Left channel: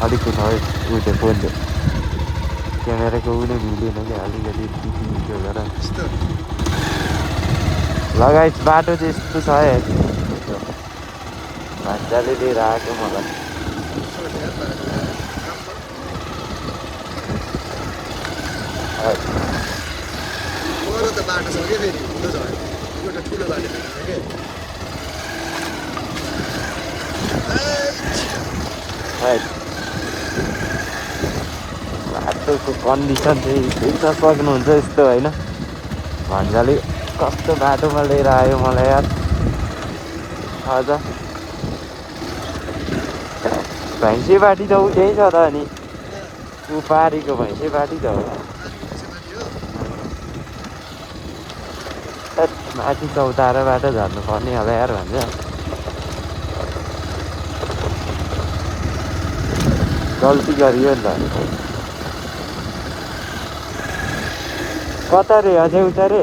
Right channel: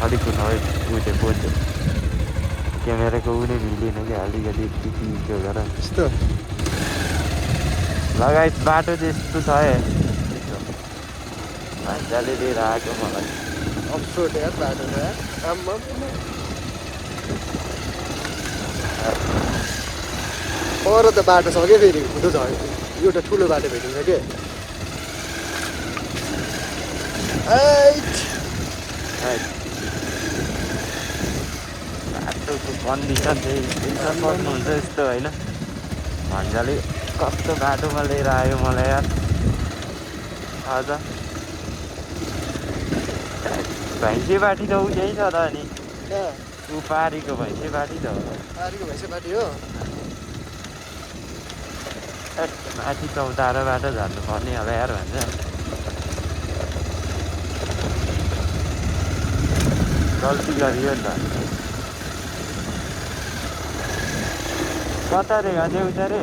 अलिक है उयो फोन चाहिँ क्यामेराको उयो नै मिलेन क्या अलिकति टिपी गरेर लगाइ बाटो चाहिँ यस्तो छ है भान्जाले लिएर आएको मलाई पर त बाटो छ क्या फेरि हुँदो छ एउटा ठुलो बाटो भेटिन्छ के बाटोको कन्डिसन चाहिँ देख्न सक्नुहुन्छ यस्तो होइन भान्जाले कस्तो बाटोमा लिएर आयो मलाई यार आज भैँसे बाटी त ऊ त्यही छ त अनि ऊ पारीको भैँसे बाटी त हो माथि चौताराबाट झर्नु पर्ने होला यार भन्ने गल्ती गरियो नि त कता रे अझै उता रे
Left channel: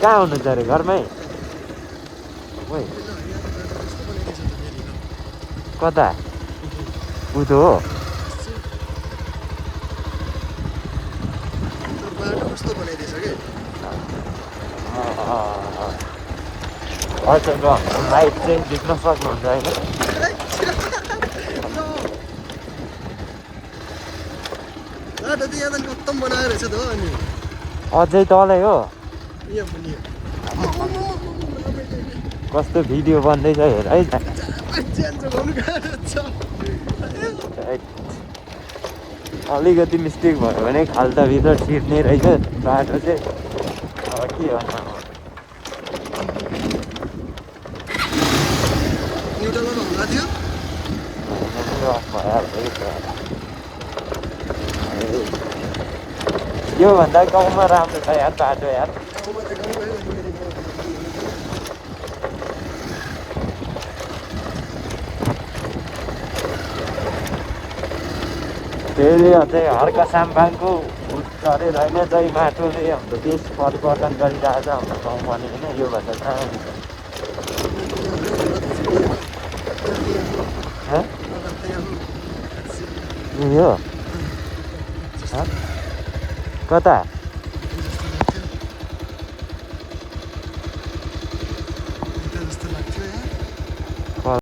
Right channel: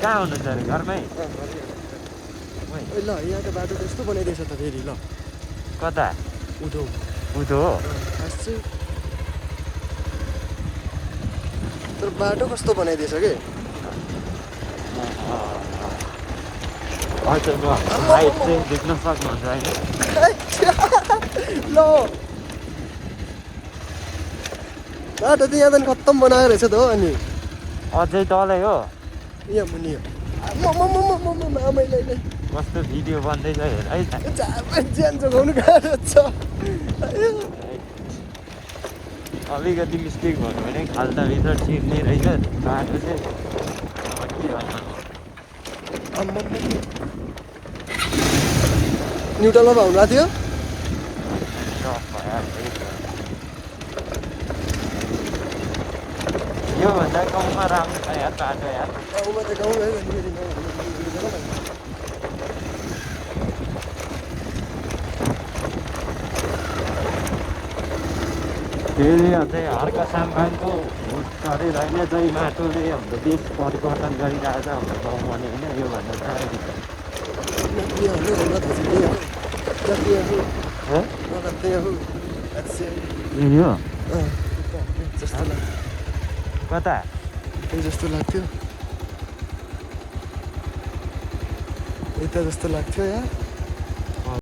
कहाँ हुनुहुन्छ अरे घरमै कता उधो हो बाटो कस्तो बनाइदिएछ कि हजुर लाइट चाहिँ देख्न सक्नुहुन्छ होइन बाटो चाहिँ यहाँ खत्तम बनाएर रहेछ त हो अनि अझै तलै हो यहाँ मुनि कस्तो भिडियो बन्दैछ हेर है ज्यान जोगाउनु गाह्रो छ अलिकति मिस्टेक भयो भने खाल्टाभित्र चिर्ने रहेछ बाटो चाहिँ के न्युट्रलमा भाउनु भएको थियो योभन्दा गाउँमा राम्रो छ यार बाटो यार त्यसले चाहिँ हर्का साम्बाङको अरे होइन जय माटोले हाम्रो देश परिवर्तन गरिरहेको छ हाम्रो गाउँमा नि होइन योभन्दा यो कता जस्तो लाग्थ्यो यता जस्तो लाग्थ्यो यार